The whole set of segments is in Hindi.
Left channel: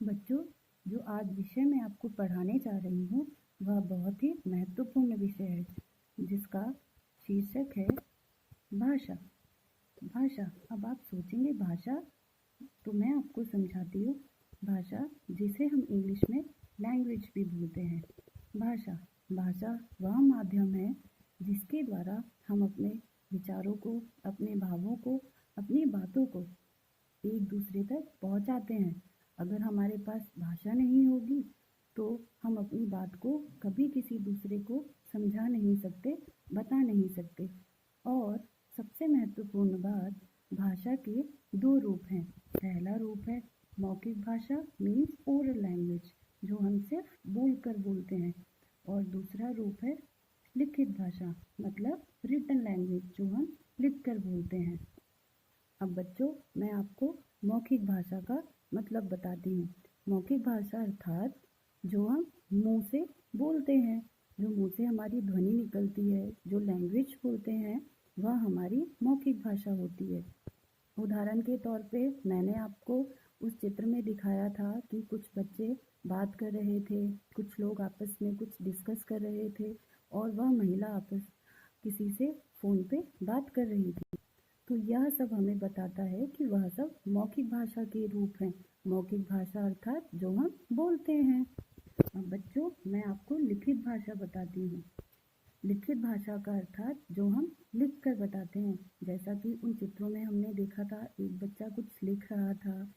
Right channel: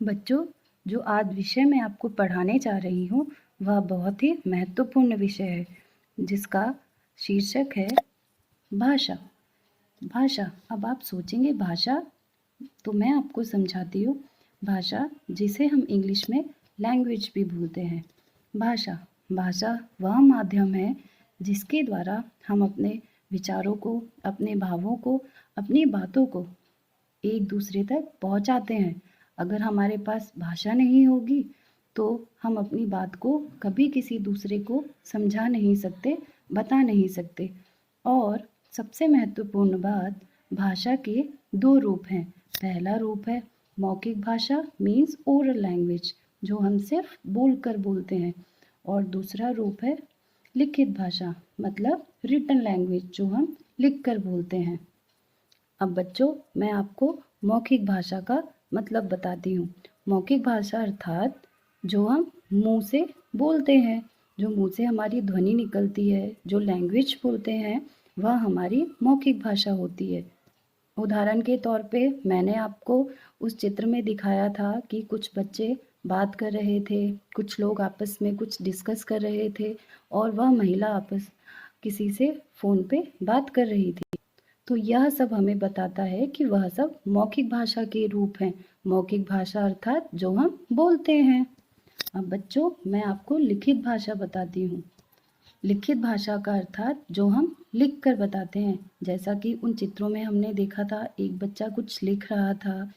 बच्चों, जो आज विषय मैं आपको पढ़ाने जा रही हूँ वह बहुत ही महत्वपूर्ण विषय है जिसका शीर्षक है भाषा। भाषा। अब आप सोचेंगे भाषा, तो मैं आपको समझाती हूँ। भाषा जिसे हम इंग्लिश में लैंग्वेज भी बोलते हैं। भाषा भाषा वह माध्यम है जिसके द्वारा हम अपने विचारों को, अपने भावों को, अपनी बातों को एक दूसरे तक पहुंचाते हैं। अगर हमारे पास भाषा नहीं होगी तो हम अपनी बात को कभी किसी दूसरे को समझा नहीं सकते, बता नहीं सकते। और सबसे महत्वपूर्ण बात, भाषा के दो रूप हैं। पहला रूप है मौखिक भाषा, मीन्स ओरल लैंग्वेज, जो हम सिर्फ बोलकर बोलते हैं। और दूसरा रूप है लिखित भाषा, मतलब रिटन लैंग्वेज, जो हम लिख कर बोलते हैं। अब बच्चों, मैं आपको मौखिक भाषा का मतलब बताती हूँ। मौखिक भाषा अर्थात जो हम मुंह से बोलते हैं, जो मुंह से हमारी ध्वनि निकलती है, जो लैंग्वेज बोलते हैं, वह हमारी मौखिक भाषा होती है। उदाहरण के तौर पे मैंने आपको उस चित्र में दिखाया था कि कुछ बच्चे बात कर रहे थे, कुछ लोग आपस में कुछ डिस्कस कर रहे थे और वह महिला आपस किसी से फ़ोन पे बात कर रही थी। तो यह सब हमें बताता है कि वह सब मौखिक भाषा के रूप हैं। मौखिक भाषा अर्थात जो हम बोलते हैं। अब बच्चों, मैं आपको लिखित भाषा बताती हूँ। लिखित भाषा का अर्थात जो हम लिख कर बताते हैं। जैसा कि उन चित्रों में हमने देखा था, एक बच्चा कुछ लिख रहा था,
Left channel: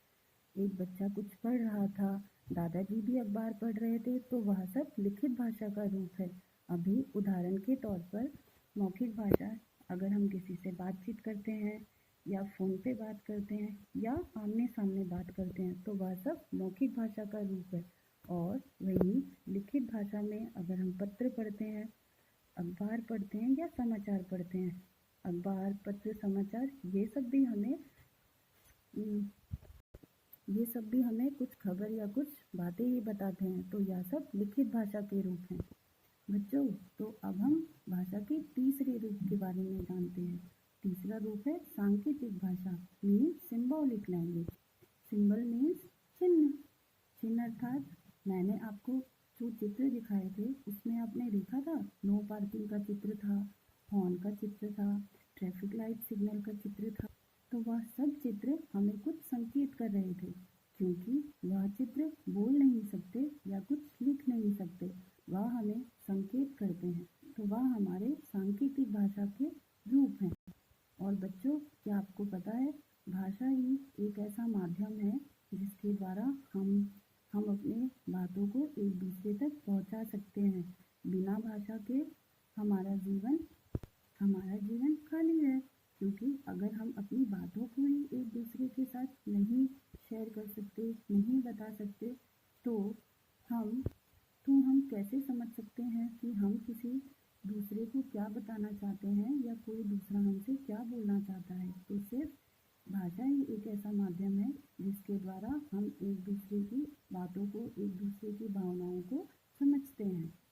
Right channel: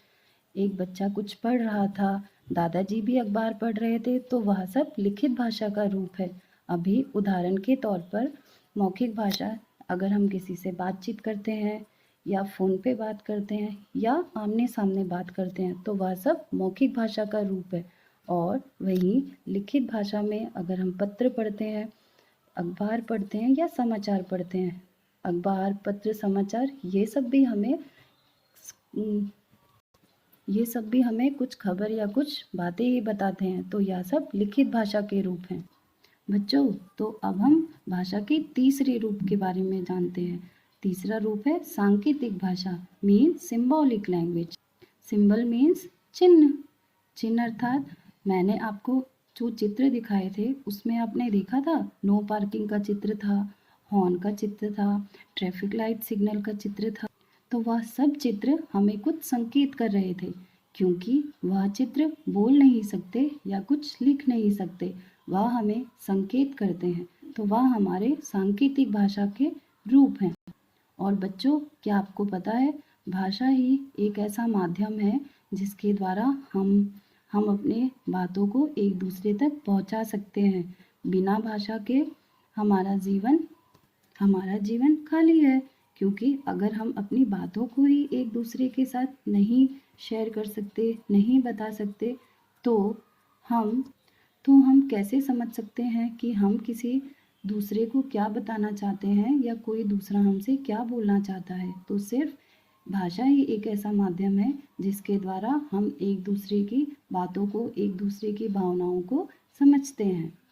एक बच्चा कुछ पढ़ रहा था, दादाजी भी अखबार पढ़ रहे थे, तो वह सब लिखित भाषा का रूप है। अभी उदाहरण के तौर पर मौखिक भाषा, अगर हम किसी से बातचीत करते हैं या फ़ोन पे बात करते हैं या आमने सामने बात करते हैं, तो वह सब मौखिक भाषा का रूप है। और वहीं लिखित भाषा में अगर हम पत्र पढ़ते हैं, अखबार पढ़ते हैं या समाचार पढ़ते हैं, अखबार, पत्र, समाचार, ये सब भी हमें कुछ खबर या कुछ बातें ही बताते हैं। तो यह सब लिखित भाषा के रूप हैं। बच्चों, तो अब हम भाषा के तीसरे रूप के बारे में जानते हैं। तीसरा रूप है सांकेतिक भाषा, means symbolic language. Symbol means चिन्ह। चिन्ह अर्थात मैंने आपको जो चित्र दिखाए थे उसमें आपने देखा था, नो पार्किंग का चित्र था, हॉर्न का चित्र था, ट्रैफिक लाइट सिग्नल का चित्र था। तो वह सब चित्र हमें कुछ संकेत कर रहे थे, क्योंकि वह चित्र बोल नहीं सकते या कुछ लिख नहीं सकते, वह हमें संकेत करते हैं। तो वह हमारे सांकेतिक भाषा के रूप हैं। और बच्चों, क्या आपको पता है, भाषा ही एक ऐसा माध्यम है जिसके द्वारा हम अपने बातों को एक दूसरे तक पहुंचा सकते हैं। बिना भाषा के हमारा जीवन हमारा जीवन खाली है, क्योंकि अगर हम अपनी बातों को ही एक दूसरे के साथ नहीं शेयर कर सकते, नहीं बता सकते, तो हम हम कैसे समझ सकते हैं कि हम किसी दूसरे को क्या बताना चाहते हैं या कोई दूसरा हमसे क्या बोलना चाहता है। तो सिर्फ भाषा ही एक ऐसा माध्यम है जिसके द्वारा हम एक दूसरे की बातों को, एक दूसरे की भावनाओं को समझते हैं।